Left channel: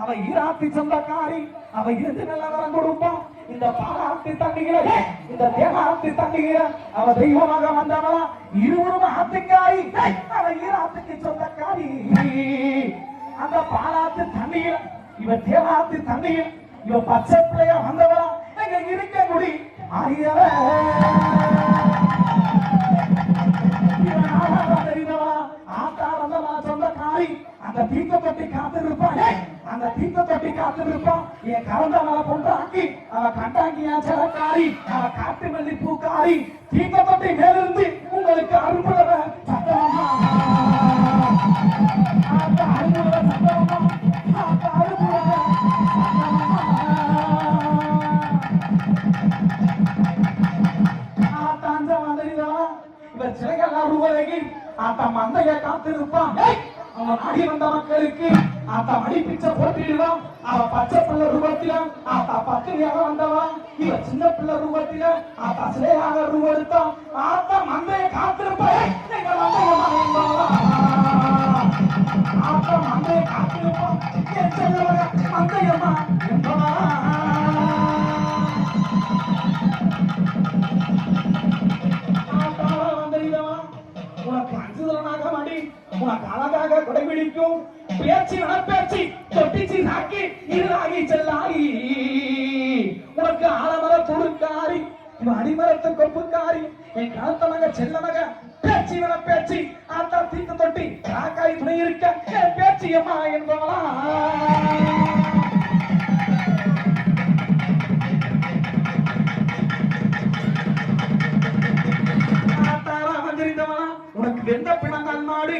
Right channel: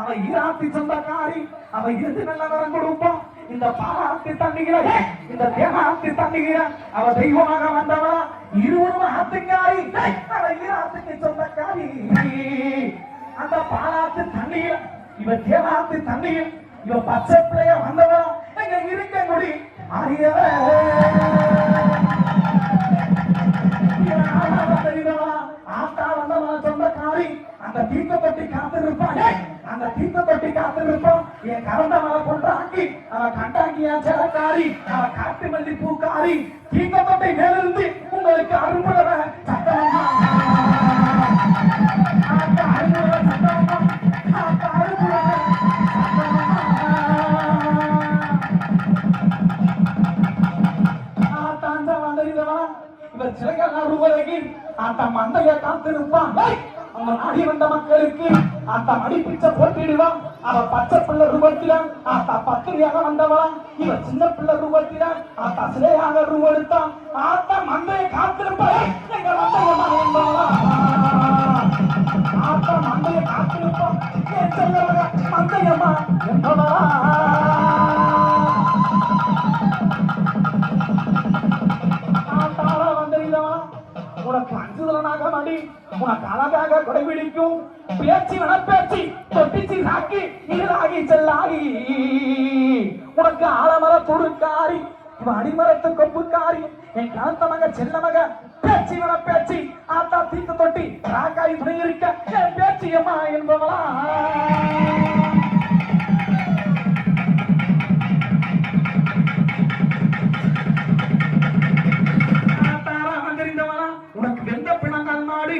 அவ ஈராத்தி சொந்தக்காரி, அவ இருந்து நல்ல வரம் கொடுப்போம். இந்த பாலாத்தி தண்ணிகளை, இந்த தேனாத்தி தண்ணிகளை அவ தெய்வமாக வந்தவளா, இருவரும் ஆத்துக்காரி, அவ ஈராத்துக்கு சொந்தக்காரி. அந்த பாலாத்து தண்ணியில், இவ தேனாத்தி தண்ணியில், இவ பச்சை பிள்ளைய வந்தவளா, எங்க இருக்க முடி அறியவ அந்த தீர்த்த தொட்டி காத்திருப்பான், அந்த தீர்த்த தொட்டி காத்திருப்போம். என் கலந்த மலை கொண்டாக்கி அவ கண்டாங்கியா ஜலக்காரி, அவ காட்டு மல்லி பூக்காரி. தீர்த்த தொட்டி மேலிருந்து உங்களுக்கு அருள்புலவ சத்தமா, அருள்புலவ சத்தமா, அருள்புலவ ஆத்தாந்த வந்தறிவா இவர் சிறைகள் உருவகி அந்த மந்தைய காத்திருப்பான். அவன் அடி வந்த மக்களுக்கு அந்த மடி பிச்சை போட்டிடுவான். அவ பச்சை பிள்ளை ரூபத்தில ஆத்தா பத்திரியாக வந்தவா, இவ சின்ன பிள்ளை ரூபத்தில ஆத்தா சிலையாக ரூபெடுத்தான். ஆத்தா மந்தைய காத்திருப்பான், எங்க மந்தையம்மா என்பவளா, ஆத்தா மந்தைய காத்திருப்பான், என் செல்லவங்க மந்தையம்மா என்பவளா. ஆத்தாளா வந்திருந்தவன் உனக்கு அஞ்சுதலாக மடி, உனக்கு அழகாக கொடைபிடிக்கும் பேச்சு வனப்பேச்சு தொட்டிச்சு நாக்கி நீராகி செல்லாகி. உனக்கு ஆலமர துடுக்காரி, இவன் அடிமரத்து கொப்புக்காரி, என் காலத்தமக செல்லமக பேச்சு வனப்பேச்சு ஆத்தா தீர்த்த தொட்டி ராக்காய் துணை இருக்க என் பேச்சியம்மா என்பவளா. உனக்கு எந்த பிணங்கள் மாடு,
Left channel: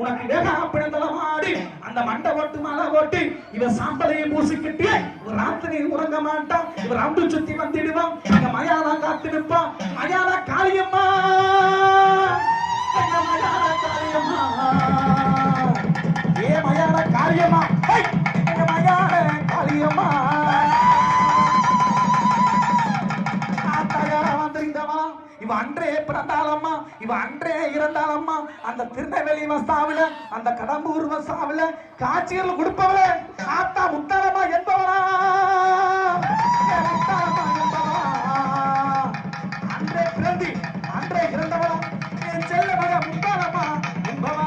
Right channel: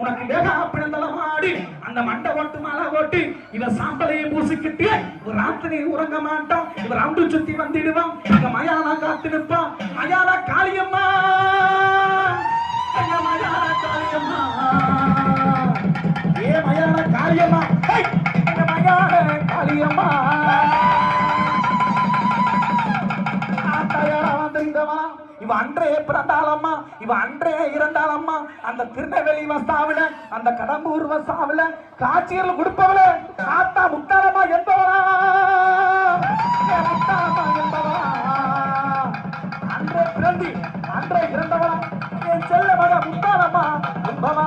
உனக்கு ஏதா பிணங்கள் மாடு, அந்த மண்டை ஓட்டு மலை ஓட்டு இவ சாம்பலையை பூசிக்கிட்டு ஒரு ராத்திரி உறங்க மாட்டான். இவர் அம்பு சுத்தி வந்துடுவான். இந்த மயாலா காத்து நிற்பான். மயாலா காளியம்மா, மயாலா காளியம்மா, ஏ மயாலா காளியம்மா, மயாலா காளியம்மா. இவ அன்றே பிறந்தாலம்மா, இவ அன்றே இறந்தாலம்மா. அந்த திருநெல்வேலி வசாவில, அந்த கடம்பூர் வசாவில காட்சிகள் கொடுப்பவள ஆத்தா முத்தாலம்மா என்பவளா, முத்தாலம்மா என்பவளா. அன்றே பிறந்து அன்றே இறந்தவளா, என் செல்ல மக முத்தாலம்மா என்பவளா.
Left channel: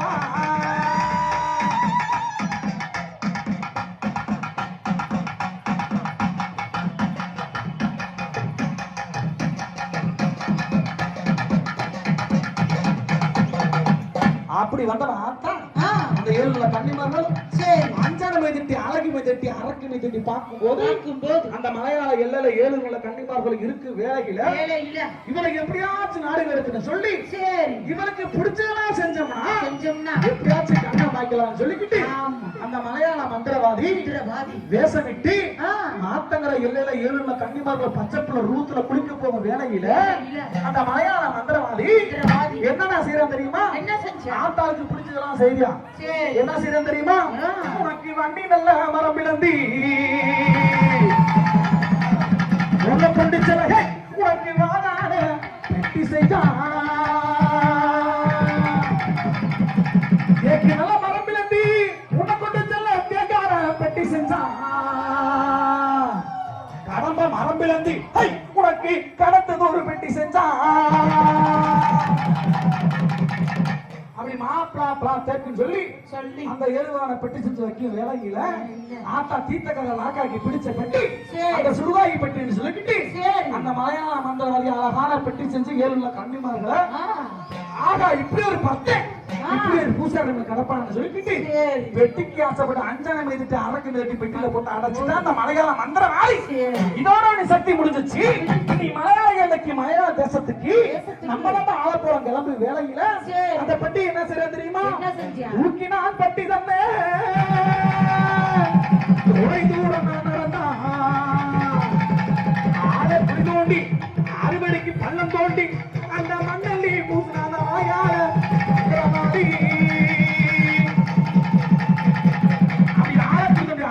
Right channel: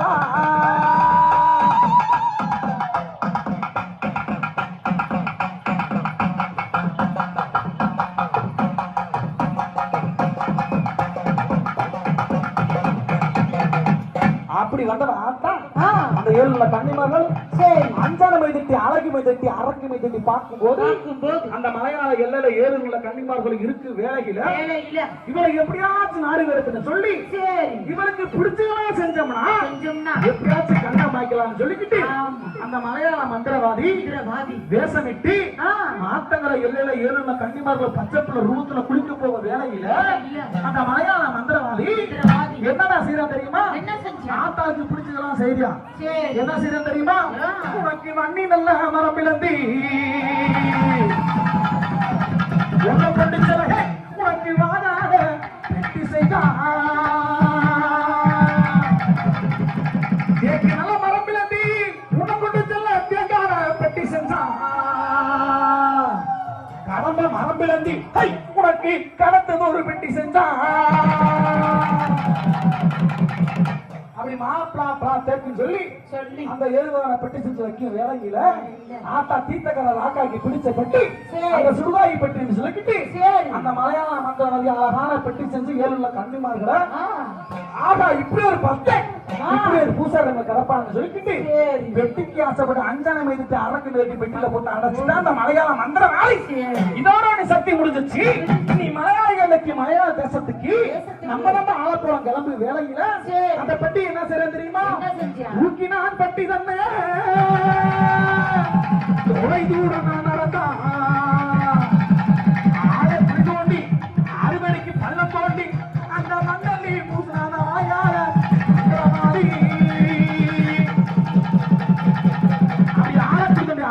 அப்படி வந்தவன் ஆத்தா அந்த ஏழுல கன்னிமார்கள் அஞ்சான மைதட்டி அழகு மைதட்டி அரக்கு மைதட்டி பார்க்கும்போது அந்த மலையாள எல்லையில ஏழுல கன்னிமார்கள் இருக்கு வேலையில இவருக்கு எப்படியாச்சும் நாடு வேறுன்னு சொல்லி இவருக்கு பிடிச்சதெல்லாம் செஞ்சோம்னா எப்படியாச்சும் கண்ணை மாய்க்கலாம்னு சொல்லிக்கிட்டு அந்த மலையாள மந்திரவாதி வேஷமிட்டு ஆத்தங்கர எல்லையில ஏழுல கன்னிமார்கள் பச்சைப்புள்ள ரூத்துல குளிக்க போக வேலையில அந்த மலையாள மந்திரவாதி என்னடா செய்யறா தெரியுமா? ஆத்தாளுக்கு பிடிச்சதெல்லாம் செய்யா என்ன செய்ய தெரியுமா? உனக்கு வண்ணி நல்ல மரம் பிளந்தி உன்னை பிடிச்சத உனக்கு வாடாத பெட்டி செய்யா, நல்ல மரம் பிளந்தி உன்னை பிடிச்சல தேங்கான பெட்டி செஞ்சா, கடம்ப மரம் பிளந்தி உனக்கு கடத்தது ஒரு பெட்டி செஞ்சா. அப்படி மாப்பிளா தேக்குன்னு சொல்லி அந்த ஏழுவான பெட்டி செஞ்சு வைக்கும் வேலையில ஆத்தா தீர்த்தக்கரை லாக்காக்கி பிடிச்ச பெட்டி அந்த சுடுகாய் பெட்டின்னு சொல்லிக்கிட்டு அந்த மலையாள மந்திரவாதி அழகான பெட்டி செஞ்சு ஏழுல கன்னிமார்களை ஆகா இப்படி ஒரு பக்தன் இப்படி ஒரு பூசாரிங்க கிடப்பான்னு சொல்லிக்கிட்டு வெட்டிக்கு ஆசைப்பட்டு அஞ்சான மீதுட்டு அரக்கு மீது பெட்டியில போட்டு அடைச்சுதான் அந்த மலையாள மந்திரவாதி இதோட சக்தி முடிஞ்சிச்சு. நீ மலையாளி அன்னைக்கு மலையாள தேசத்துக்கு நம்ம தான் ஆள போறோம் கிளம்பு வேலையில அந்த பெட்டி என்ன செய்ய தெரியுமா? ஊக்கினால் பட்டி தந்தே அறுவடைக்கு பள்ளம் தோண்டி அந்த மண்ணல்லி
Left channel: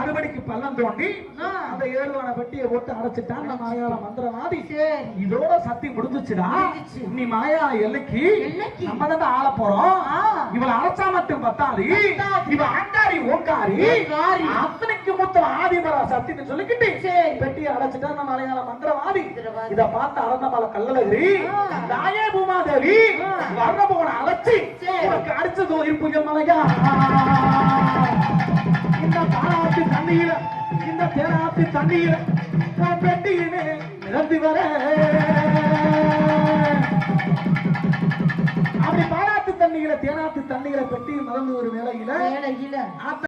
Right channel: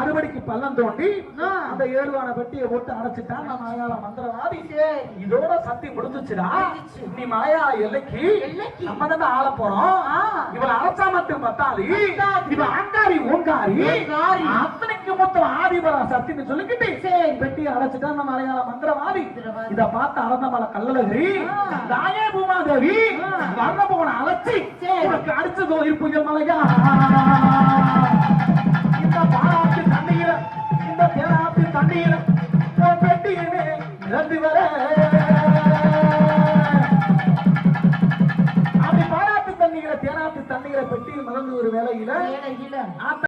அறுவடைக்கு பள்ளம் தோண்டி அந்த ஏழுவான பெட்டியை போட்டு அடைச்சிட்டான் அந்த மாயாள மந்திரவாதி. இதோட சக்தி முடிஞ்சிச்சுடா. நீ மாயா எல்லைக்கு நம்ம தான் ஆள போறோம். இவளை அழைச்சா மட்டும் பத்தாது, இவ ஆண்டாரி ஓங்காரி அத்தனைக்கு மூத்த ஆதிபரா சக்தின்னு சொல்லிக்கிட்டு பெட்டியை அடைச்சிட்டு அந்த மலையாள மந்திரவாதி இத பார்த்து அறந்தமலை கல்லழகரி நாயே பூமாதேவி வர்ணபவனை அழைச்சி உனக்கு அடிச்ச தோதி புயல் மலையா இந்த பாலாத்து தண்ணீர இந்த தேராத்து தண்ணீர பெட்டியிலே நிரம்பி வர